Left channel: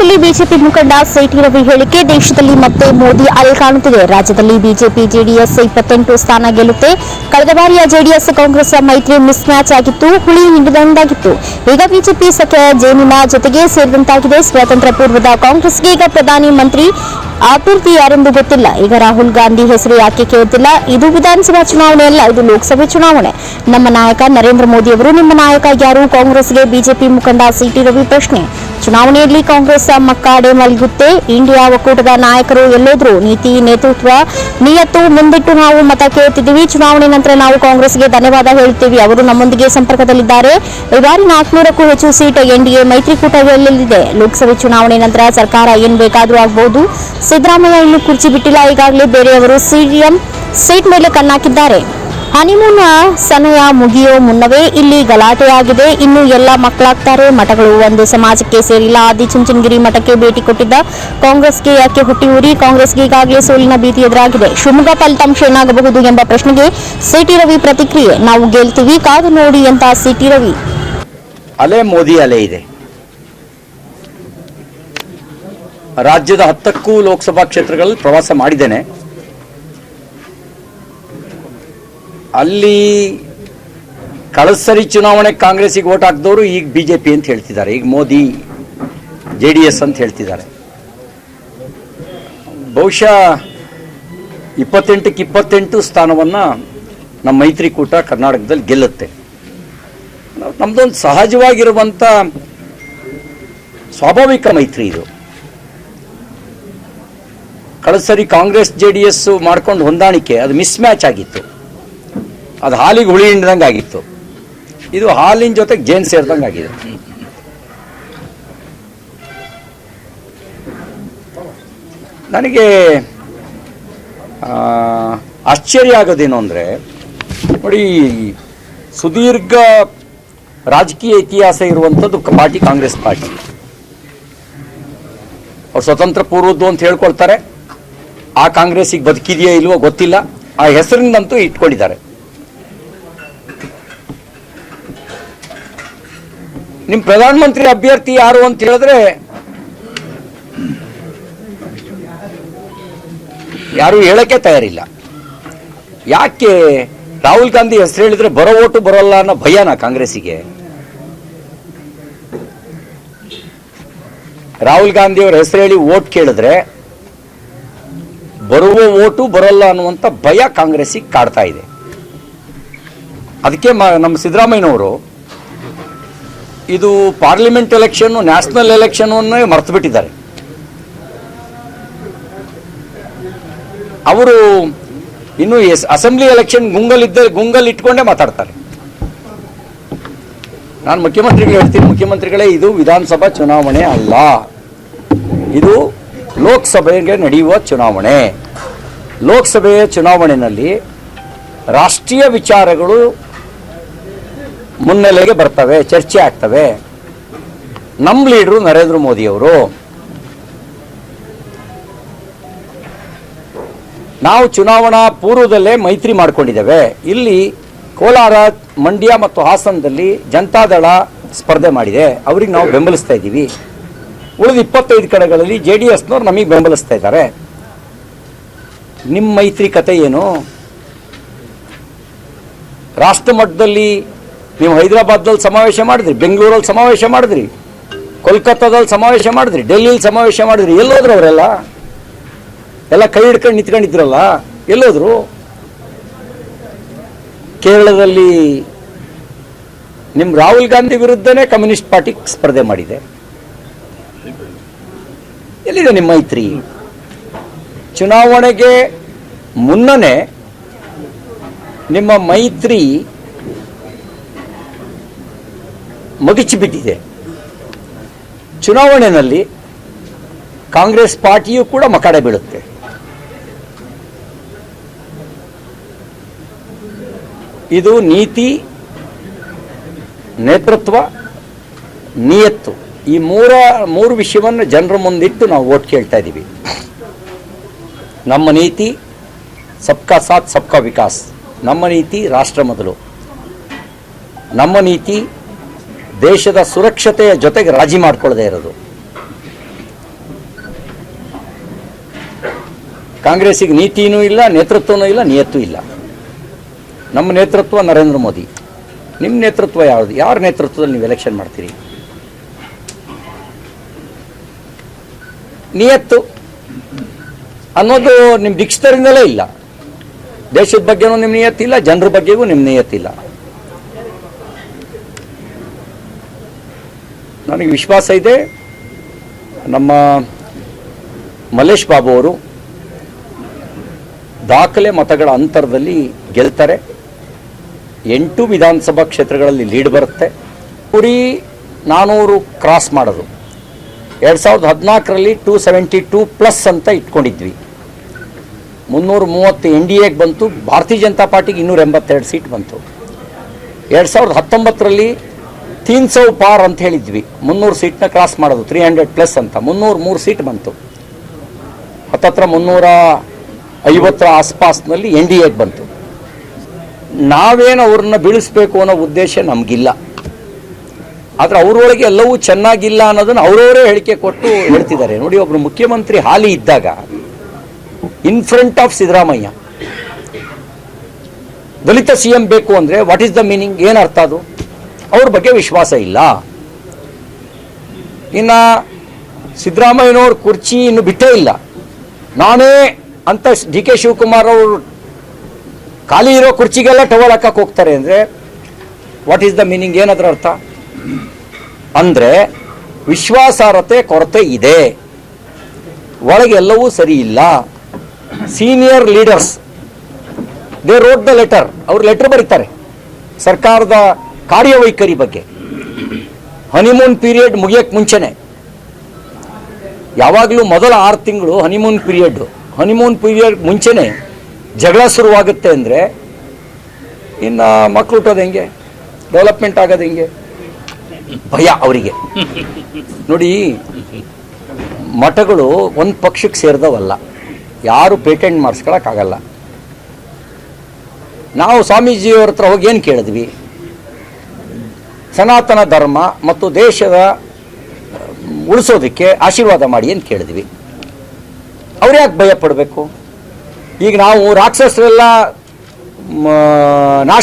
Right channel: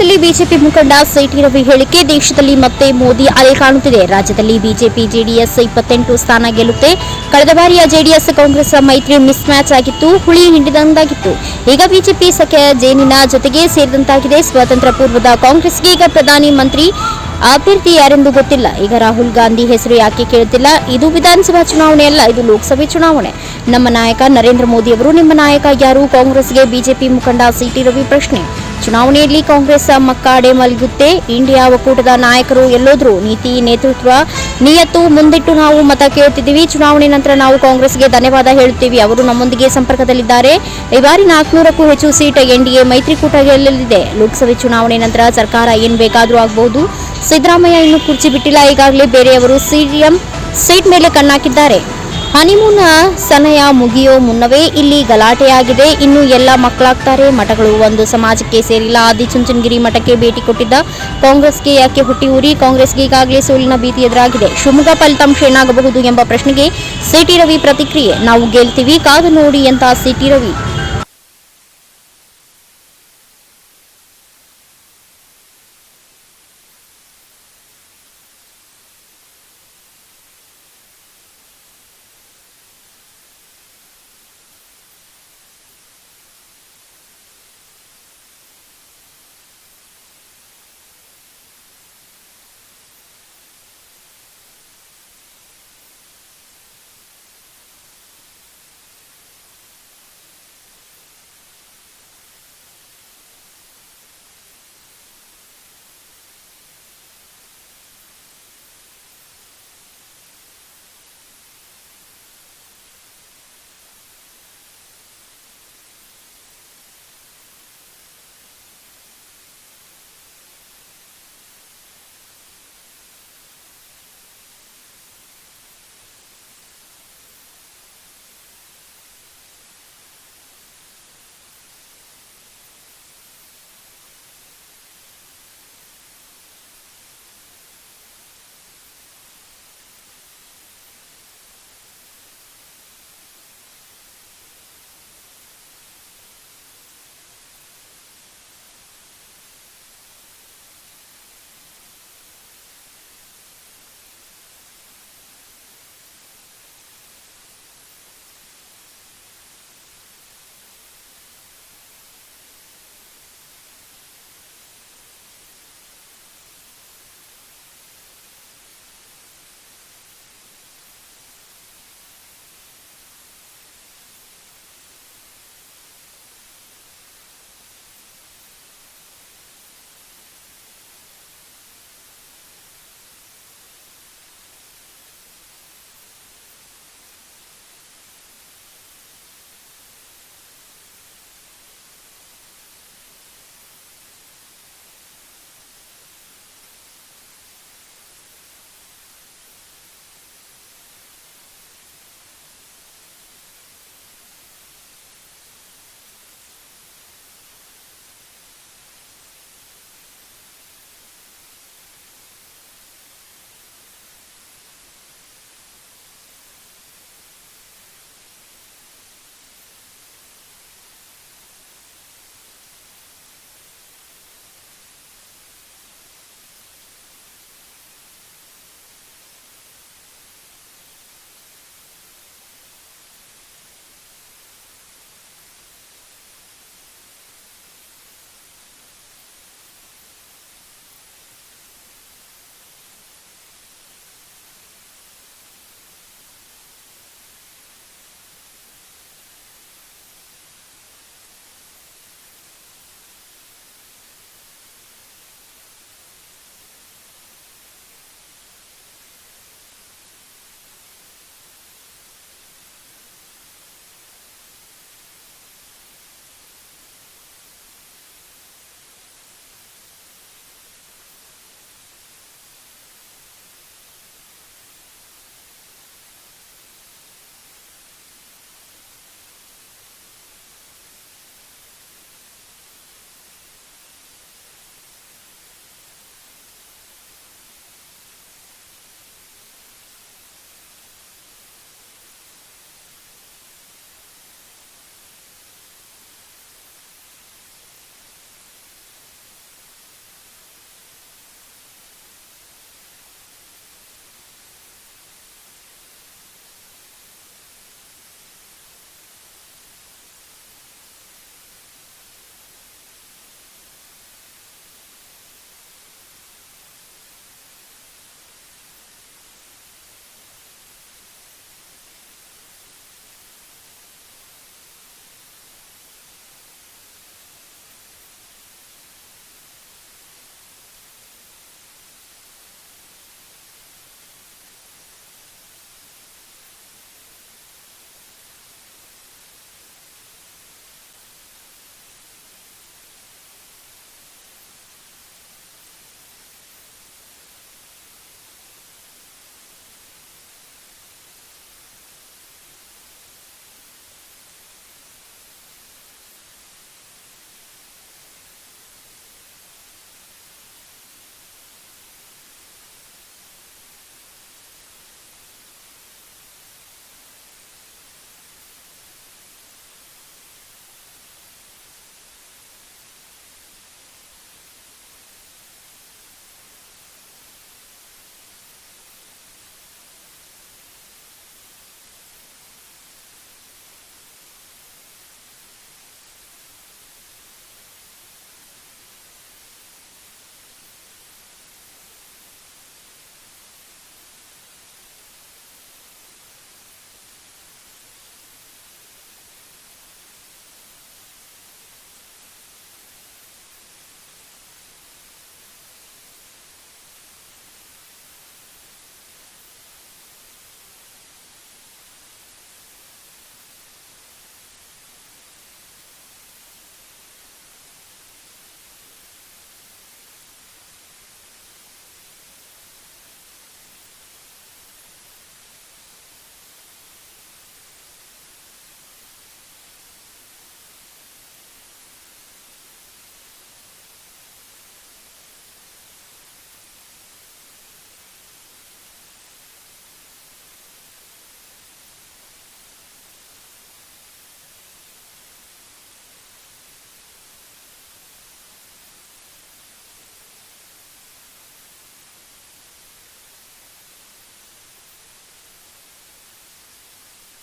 ರಾಜ್ಯದಲ್ಲಿ ಬಿಜೆಪಿ ಮುಖಂಡ ಸಿಟಿ ರವಿ ಹೇಳಿಕೆ, ದೇಶದಲ್ಲಿ ಮತ್ತೆ ಮೋದಿ ಅಲೆ ಕಾಣುತ್ತಿದೆ. ರಾಜ್ಯದಲ್ಲಿ ಬಿಜೆಪಿ ಜೆಡಿಎಸ್ ಇಪ್ಪತ್ತೆಂಟು ಸ್ಥಾನ ಗೆಲ್ಲುತ್ತೆ. ಕಳೆದ ಬಾರಿಯ ಜೆಡಿಎಸ್ ಕಾಂಗ್ರೆಸ್ ಮೈತ್ರಿ ಮಿಸ್ ಮ್ಯಾಚ್ ಆಗಿತ್ತು, ಹುಳಿ ಹಿಂಡಿದಂತಾಗಿತ್ತು. ಈಗ ಬಿಜೆಪಿ ಸಖ್ಯ ಜೇನಿನ ಜೊತೆಗೆ ಸೇರಿದಂತಾಗಿದೆ. ಸ್ವಾತಂತ್ರ್ಯ ಪೂರ್ವದ ಕಾಂಗ್ರೆಸ್ಗೆ ಈಗ ಪ್ರಧಾನಿ ಮಂತ್ರಿ ಅಭ್ಯರ್ಥಿ ಯಾರೆಂದು ಗೊತ್ತಿಲ್ಲ. ಈಗ ರಾಹುಲ್ ಗಾಂಧಿ ಹೆಸರು ಯಾಕೆ ಕೇಳುತ್ತಿಲ್ಲ? ಇದು ವಿಧಾನಸಭಾ ಚುನಾವಣೆ ಅಲ್ಲ, ಇದು ಲೋಕಸಭೆ ಚುನಾವಣೆ. ನಮ್ಮ ನಾಯಕ ನರೇಂದ್ರ ಮೋದಿ ಅವರು, ನಿಮ್ಮ ನಾಯಕ ಯಾರು? ಕಾಂಗ್ರೆಸ್ಗೆ ಬಿಜೆಪಿ ಮುಖಂಡ ಸಿಟಿ ರವಿ ಪ್ರಶ್ನೆ. ಚುನಾವಣೆಯಲ್ಲಿ ಕಾಂಗ್ರೆಸ್ ಮಕ್ಕಾಡೆ ಮಲಗುತ್ತೆ. ಇಂಡಿಯಾ ಒಕ್ಕೂಟದ ನಾಯಕರು ಎಲ್ಲೋದ್ರು ನೀತಿ, ನೇತೃತ್ವ ನಿಯತ್ತು ಮುಂದಿಟ್ಟು ನಾವು ಮತ ಕೇಳುತ್ತಿದ್ದೀವಿ. ಚುನಾವಣೆ ನಂತರ ನಾವು ಕಾಂಗ್ರೆಸ್ಗೆ ಧನ್ಯವಾದ ಹೇಳುತ್ತೀವಿ. ಅವರು ನಮ್ಮೊಂದಿಗೆ ಸಂಪರ್ಕದಲ್ಲಿದ್ದಾರೆ. ಈ ಬಾರಿ ನಾಲ್ಕುನೂರಕ್ಕೂ ಹೆಚ್ಚು ಸೀಟ್ ಎನ್ಡಿಎ ಮೈತ್ರಿಕೂಟ ಗೆಲ್ಲಲಿದೆ. ಲೋಕಸಭೆ ಚುನಾವಣೆ ನಂತರ ಸರ್ಕಾರ ಏನ್ ಬೇಕಾದರೂ ಆಗಬಹುದು ಸಿದ್ದರಾಮಯ್ಯ ಇನ್ನೂ ಕುರ್ಚಿ ಬಿಟ್ಟಿಲ್ಲ. ಈಗಾಗಲೇ ಬೇರೆಯವರು ಸಿಎಂ ಸೀಟ್ ಮೇಲೆ ಕಣ್ಣಾಕಿದ್ದಾರೆ. ಹನಿಮೂನ್ ಸಮಯ ಮುಗಿಯೋ ಮುನ್ನವೇ ಇಲ್ಲಿ ಗಲಾಟೆಯಾಗಿದೆ. ಇನ್ನು ಎಲ್ಲ ಮಕ್ಕಳಾಗ್ತಾರೆ. ಮಠಗಳು ಒಂದು ಸಮಾಜಕ್ಕೆ ಸೇರಿಲ್ಲ. ಆದಿ ಚುಂಚನಗಿರಿ ಮಠಕ್ಕೆ ಭೇಟಿ ಕೊಟ್ಟಿದ್ದ ಕಾಂಗ್ರೆಸ್ಗೆ ಯಾಕೆ ಹುಟ್ಟಿ ಉರಿ ಕಾಂಗ್ರೆಸ್ಗೆ ಈಗಾಗಲೇ ಸೋಲಿನ ಭೀತಿ ಎದುರಾಗಿದೆ. ಶಿವಮೊಗ್ಗ ಫಲಿತಾಂಶ ಏನಾಗಬಹುದು ಎಂಬ ಪ್ರಶ್ನೆಗೆ ಸಿಟಿ ರವಿ ಪ್ರತಿಕ್ರಿಯೆ. ನಾವು ಗೆಲ್ತೀವಿ, ಕಾದು ನೋಡಿ ಅಂತ ಸಿಟಿ ರವಿ. ಅಲೆ ಮೋದಿ ಅಲೆ ಇದೆ. ರಾಜ್ಯದ ಹತ್ತಕ್ಕೂ ಲೋಕಸಭಾ ಕ್ಷೇತ್ರಗಳಲ್ಲಿ ಪ್ರವಾಸ ಮಾಡಿದ್ದೇನೆ. ಅಲ್ಲಿ ಕಳಸರಿ ಸರಿ ಚುನಾವಣೆ ಕಾಂಗ್ರೆಸ್ಸಿಗೆ ಓಟ್ ಹಾಕಿದವರು ಈಗ ಬಿಜೆಪಿ ಅಂತ ಹೇಳ್ತಿದ್ದಾರೆ. ಈಗ ಮೋದಿ, ಜೆ ಡಿ ಎಸ್ ಅಂತ ಹೇಳ್ತಿದ್ದಾರೆ. ಬಹುಶಃ ಇಪ್ಪತ್ತೆಂಟಕ್ಕೆ ಇಪ್ಪತ್ತೆಂಟು ಸ್ಥಾನವನ್ನ ನಮ್ಮ ಮೈತ್ರಿಕೂಟ ಕರ್ನಾಟಕದಲ್ಲಿ ಗೆಲ್ಲುತ್ತೆ. ನಮ್ಮದೊಂದು ನಮ್ದೊಂದು ಸಹಜವಾಗಿರುವಂತ ಸ್ವಾಭಾವಿಕ ಮೈತ್ರಿ ಇದು. ಕಳೆದ ಸರಿ ಕಾಂಗ್ರೆಸ್, ಜೆ ಡಿ ಎಸ್ ಮಾಡ್ಕೊಂಡು ಹೊಂದಾಣಿಕೆ, ಅದು ಮಿಸ್ ಮ್ಯಾಚ್ ಆಗಿತ್ತು. ಅದು ಹಾಲಿಗೆ ಹುಳಿ ಹಿಂಡ್ದಂಗೆ ಆಗಿತ್ತು. ಇದು ಹಾಲಿನ ಜೊತೆಗೆ ಜೇನ್ ಸೇರಿದಂಗೆ ಆಗಿದೆ. ನನಗೆ ಆಶ್ಚರ್ಯ ಆಗೋದೇನು ಅಂದರೆ, ನೋಡಿ ಸುದೀರ್ಘ ರಾಜಕೀಯ ಇತಿಹಾಸ ಇರುವಂಥದ್ದು ಪಾರ್ಟಿ ಕಾಂಗ್ರೆಸ್ ಪಾರ್ಟಿ. ಅವ್ರು ಸ್ವತಂತ್ರ ಪೂರ್ವದ್ದು ಅಂತ ಹೇಳ್ಕೊಳ್ತಾರೆ. ಆ ಕಾಂಗ್ರೆಸ್ಸಿಗೆ ಬದುಕಿದೆಯೋ ಇಲ್ವೋ ಗೊತ್ತಿಲ್ಲ. ಆ ಹೆಸರಿನಂತೂ ಇಟ್ಕೊಂಡಿದ್ದಾರೆ. ನಿಮ್ ಪ್ರಧಾನಮಂತ್ರಿ ಅಭ್ಯರ್ಥಿ ಯಾರು ಅಂತ ಹೇಳಿದ್ರೆ ಯಾರು ಹೇಳಕ್ಕೆ ತಯಾರಿಲ್ಲ. ಯಾಕೆ ರಾಹುಲ್ ಗಾಂಧಿ ಹೆಸರು ಹೇಳಿದ್ರೆ ಬರೋ ಓಟು ಬರೋಲ್ಲ ಅನ್ನೋ ಭಯನಾ ಕಾಂಗ್ರೆಸ್ಸಿಗೆ? ರಾಹುಲ್ ಗಾಂಧಿ ಹೆಸರು ಹೇಳಿ ಓಟ್ ಕೇಳಿದ್ರೆ ಬರುವ ಓಟು ಬರೋಲ್ಲ ಅನ್ನುವಂಥ ಭಯ ಕಾಂಗ್ರೆಸ್ಸಿಗೆ ಕಾಡ್ತಾ ಇದೆ. ಅದಕ್ಕೆ ನಮ್ಮ ಸಿದ್ದರಾಮಯ್ಯನವರು ಇದು ಪಾರ್ಲಿಮೆಂಟ್ ಎಲೆಕ್ಷನ್ ನ್ಯಾಷನಲ್ ಎಲೆಕ್ಷನ್ ಮರೆತು ಬಿಟ್ಟಿದ್ದಾರೆ ಅವರು ಇನ್ನು ಎಸ್ ಅಸೆಂಬ್ಲಿ ಎಲೆಕ್ಷನ್ ಗುಂಗಲ್ ಇದ್ದ ಗುಂಗಲ್ ಇಟ್ಕೊಂಡೇ ಮಾತಾಡ್ತಾರೆ. ನಾನು ಮುಖ್ಯಮಂತ್ರಿಗಳು ಹೇಳ್ತೀನಿ, ಮುಖ್ಯಮಂತ್ರಿಗಳೇ, ಇದು ವಿಧಾನಸಭಾ ಚುನಾವಣೆ ಅಲ್ಲ. ಇದು ಲೋಕಸಭೆಗೆ ನಡೆಯುವ ಚುನಾವಣೆ. ಲೋಕಸಭೆಯ ಚುನಾವಣೆಯಲ್ಲಿ ರಾಷ್ಟ್ರೀಯ ವಿಚಾರಗಳು ಮುನ್ನೆಲೆಗೆ ಬರ್ತವೆ, ಚರ್ಚೆ ಆಗ್ತವೆ. ನಮ್ಮ ಲೀಡ್ರು ನರೇಂದ್ರ ಮೋದಿ ಅವರು ನಾವು ಚುನಾವಣಾ ಪೂರ್ವದಲ್ಲೇ ಮೈತ್ರಿ ಮಾಡಿಕೊಂಡಿದ್ದೇವೆ. ಇಲ್ಲಿ ಕೋಲಾರ, ಮಂಡ್ಯ ಮತ್ತು ಹಾಸನದಲ್ಲಿ ಜನತಾದಳ ಸ್ಪರ್ಧೆ ಮಾಡಿದೆ. ಅವ್ರಿಗೆ ನಾವು ಬೆಂಬಲಿಸ್ತಾ ಇದ್ದೀವಿ. ಉಳಿದ ಇಪ್ಪತ್ತೈದು ಕಡೆಗಳಲ್ಲಿ ಜೆ ಡಿ ಎಸ್ನವ್ರು ನಮಗೆ ಬೆಂಬಲಿಸ್ತಾ ಇದ್ದಾರೆ. ನಿಮ್ಮ ಮೈತ್ರಿ ಕತೆ ಏನು? ರಾಷ್ಟ್ರ ಮಟ್ಟದಲ್ಲಿ ನೀವು ಹೈದರಾಬಾದ್ದಲ್ಲಿ ಸಮಾವೇಶ ಮಾಡಿದ್ರಿ, ಬೆಂಗಳೂರಲ್ಲಿ ಸಮಾವೇಶ ಮಾಡಿದ್ರಿ, ಕೋಲ್ಕತ್ತಾದಲ್ಲಿ ಸಮಾವೇಶ ಮಾಡಿದ್ರಿ ಡೆಲ್ಲಿಲಿ ಸಮಾವೇಶ ಮಾಡಿದ್ರಿ, ಎಲ್ಲೋದ್ರು ಅವರೆಲ್ಲ? ಎಲ್ಲ ಕೈ ಹಿಡ್ಕೊಂಡು ನಿಂತ್ಕೊಂಡಿದ್ರಲ್ಲ, ಎಲ್ಲೋದ್ರು? ಕೇರಳದಲ್ಲಿ ನಿಮ್ಮ ರಾಹುಲ್ ಗಾಂಧಿ ವಿರುದ್ಧನೇ ಕಮ್ಯುನಿಸ್ಟ್ ಪಾರ್ಟಿ ಸ್ಪರ್ಧೆ ಮಾಡಿದೆ. ಎಲ್ಲಿದೆ ನಿಮ್ಮ ಮೈತ್ರಿ? ಚುನಾವಣೆಗೆ ಮುನ್ನನೇ ನಿಮ್ಮ ಮೈತ್ರಿ ಮಗಿಚಿ ಬಿಟ್ಟಿದೆ ಚುನಾವಣೆಯಲ್ಲಿ ಕಾಂಗ್ರೆಸ್ ಪಾರ್ಟಿಯೂ ಕೂಡ ಮಕಾಡೆ ಬೀಳುತ್ತೆ. ಇದು ನೀತಿ, ನೇತೃತ್ವ, ನಿಯತ್ತು. ಈ ಮೂರ, ಮೂರು ವಿಷಯವನ್ನು ಜನರ ಮುಂದಿಟ್ಟು ನಾವು ಓಟ್ ಕೇಳ್ತಾ ಇದ್ದೀವಿ. ನಮ್ಮ ನೀತಿ, ಸಬ್ಕಾ ಸಾಥ್, ಸಬ್ಕಾ ವಿಕಾಸ್. ನಮ್ಮ ನೀತಿ ರಾಷ್ಟ್ರ ಮೊದಲು. ನಮ್ಮ ನೀತಿ ದೇಶದ ಸುರಕ್ಷತೆಯ ಜೊತೆಗೆ ರಾಜಿ ಮಾಡಿಕೊಳ್ಳದೆ ಇರೋದು. ಕಾಂಗ್ರೆಸ್ಸಿಗೆ ನೀತಿನೂ ಇಲ್ಲ, ನೇತೃತ್ವನೂ ಇಲ್ಲ, ನಿಯತ್ತು ಇಲ್ಲ. ನಮ್ಮ ನೇತೃತ್ವ ನರೇಂದ್ರ ಮೋದಿ. ನಿಮ್ಮ ನೇತೃತ್ವ ಯಾವುದು? ಯಾರ ನೇತೃತ್ವದಲ್ಲಿ ನೀವು ಎಲೆಕ್ಷನ್ ಮಾಡ್ತೀರಿ? ನಿಯತ್ತು ಅನ್ನೋದು ನಿಮ್ಮ ದಿಕ್ಷಿತರಿಂದಲೇ ಇಲ್ಲ. ದೇಶದ ಬಗ್ಗೆನೂ ನಿಮ್ಮ ನಿಯತ್ತಿಲ್ಲ, ಜನರ ಬಗ್ಗೆಗೂ ನಿಮ್ಮ ನಿಯತ್ತಿಲ್ಲ. ನನಗೆ ವಿಶ್ವಾಸ ಇದೆ. ನಮ್ಮ ಮಲ್ಲೇಶ್ ಬಾಬು ಅವರು ದಾಖಲೆ ಮತಗಳ ಅಂತರದಲ್ಲಿ ಗೆಲ್ತಾರೆ. ಎಂಟು ವಿಧಾನಸಭಾ ಕ್ಷೇತ್ರಗಳಲ್ಲಿ ಲೀಡ್ ಬರುತ್ತೆ. ಪುರಿ ನಾನೂರು ಕ್ರಾಸ್ ಮಾಡೋದು. ಎರಡು ಸಾವಿರದ ಹದಿನಾಲ್ಕರಲ್ಲಿ ಟೂ ಸೆವೆಂಟಿ ಟೂ ಪ್ಲಸ್ ಅಂತ ಇಟ್ಕೊಂಡಿದ್ವಿ. ಮುನ್ನೂರು ಮೂವತ್ತು ಎನ್ ಡಿ ಎಗೆ ಬಂತು. ಭಾರತೀಯ ಜನತಾ ಪಾರ್ಟಿಗೆ ಇನ್ನೂರ ಎಂಬತ್ತೆರಡು ಸೀಟ್ ಬಂತು. ಎರಡು ಸಾವಿರದ ಹತ್ತೊಂಬತ್ತರಲ್ಲಿ ತೀನ್ ಸೌ ಪಾರ್ ಅಂತ ಹೇಳಿದ್ವಿ. ಮುನ್ನೂರು ಸೀಟ್ನ ಕ್ರಾಸ್ ಮಾಡೋದು ತ್ರೀ ಹಂಡ್ರೆಡ್ ಪ್ಲಸ್ ಅಂತ. ಮುನ್ನೂರು ಮೂರು ಸೀಟ್ ಬಂತು. ಹತ್ತತ್ರ ಮುನ್ನೂರ ಐವತ್ತರ ಆಸ್ಪಾಸ್ನಲ್ಲಿ ಎನ್ ಡಿ ಎಗೆ ಬಂತು. ನಾವೇನು ಅವ್ರನ್ನ ಬೀಳಿಸ್ಬೇಕು ಅನ್ನೋ ಉದ್ದೇಶ ನಮಗಿಲ್ಲ. ಆದರೆ ಅವರೊಳಗೆ ಎಲ್ಲವೂ ಚೆನ್ನಾಗಿಲ್ಲ ಅನ್ನೋದನ್ನ ಅವರವರೇ ಹೇಳಿಕೆ ಕೊಟ್ಟು ಹೇಳ್ತಿದ್ದಾರೆ. ನೋಡಿ ಒಬ್ಬರು ಮುಖ್ಯಮಂತ್ರಿ ಹಾಲಿ ಇದ್ದಾಗ ಇನ್ ಫ್ರಂಟ್ ಆಫ್ ಸಿದ್ದರಾಮಯ್ಯ, ದಲಿತ ಸಿ ಎಂ ಬೇಕು ಅಂದರೆ ವಾಟ್ ಈಸ್ ದ ಮೀನಿಂಗ್ ಏನು ಅರ್ಥ ಅದು? ಅವ್ರ ಬಗ್ಗೆ ವಿಶ್ವಾಸ ಇಲ್ಲ. ಇನ್ನು ಸಿದ್ದರಾಮಯ್ಯನವ್ರ ಕುರ್ಚಿ ಇನ್ನು ಬಿಟ್ಟೇ ಇಲ್ಲ. ನಾನೇ ಅಂತ ಡಿ ಕೆ ಶಿವಕುಮಾರ್ ಅವರು ಖಾಲಿ ಇರೋ ಕುರ್ಚಿಗೆಲ್ಲ ಟವಲ್ ಹಾಕಕ್ಕೆ ಹೋಗ್ತಾರೆ ಅಂದರೆ ವಾಟ್ ಈಸ್ ದ ಮೀನಿಂಗ್ ಏನದ್ರ ಅರ್ಥ? ಅಂದರೆ ವಿಶ್ವಾಸಾರ್ಹತೆ, ಕೊರತೆ ಇದೆ. ಒಳಗೆ ಎಲ್ಲವೂ ಸರಿ ಇಲ್ಲ. Senior leaders they wrote the letter ಅವ್ರು ಲೆಟರ್ ಬರೀತಾರೆ. ಸರ್ಕಾರದ ಕಾರ್ಯವೈಖರಿ ಬಗ್ಗೆ. ಹನಿಮೂನ್ ಪೀರಿಯಡ್ ಮುಗಿಯಕ್ಕೆ ಮುಂಚೆನೆ. ಯಾವಾಗಲೂ ಮೊದಲ ಆರು ತಿಂಗಳು ಹನಿಮೂನ್ ಪೀರಿಯಡ್ ಹನಿಮೂನ್ ಪೀರಿಯಡ್ ಮುಂಚೆನೆ ಜಗಳ ಶುರುವಾಗುತ್ತೆ ಅಂದರೆ, ಇನ್ನು ಮಕ್ಕಳು ಹುಟ್ಟೋದು ಹೆಂಗೆ? ಡೆವಲಪ್ಮೆಂಟ್ ಆಗೋದು ಹೆಂಗೆ? ಭಯ ಅವರಿಗೆ. ನೋಡಿ, ಮಠಗಳು ಒಂದು ಪಕ್ಷಕ್ಕೆ ಸೇರಿದವಲ್ಲ. ಯಾರು ಪೇಟೆಂಟ್ ಮಾಡಿಸ್ಕೊಳಕ್ಕಾಗಲ್ಲ ನಾವು ಸ್ವಾಮೀಜಿಯವ್ರ ಹತ್ರ ಹೋಗಿ ಏನು ಕೇಳಿದ್ವಿ? ಸನಾತನ ಧರ್ಮ ಮತ್ತು ದೇಶದ ಉಳಿಸೋದಕ್ಕೆ ಆಶೀರ್ವಾದ ಮಾಡಿ ಅಂತ ಕೇಳಿದ್ವಿ. ಅವ್ರು ಯಾಕೆ ಭಯ ಪಡಬೇಕು ಈಗ ನಾವು ರಾಕ್ಷಸರೆಲ್ಲ ನಾಶ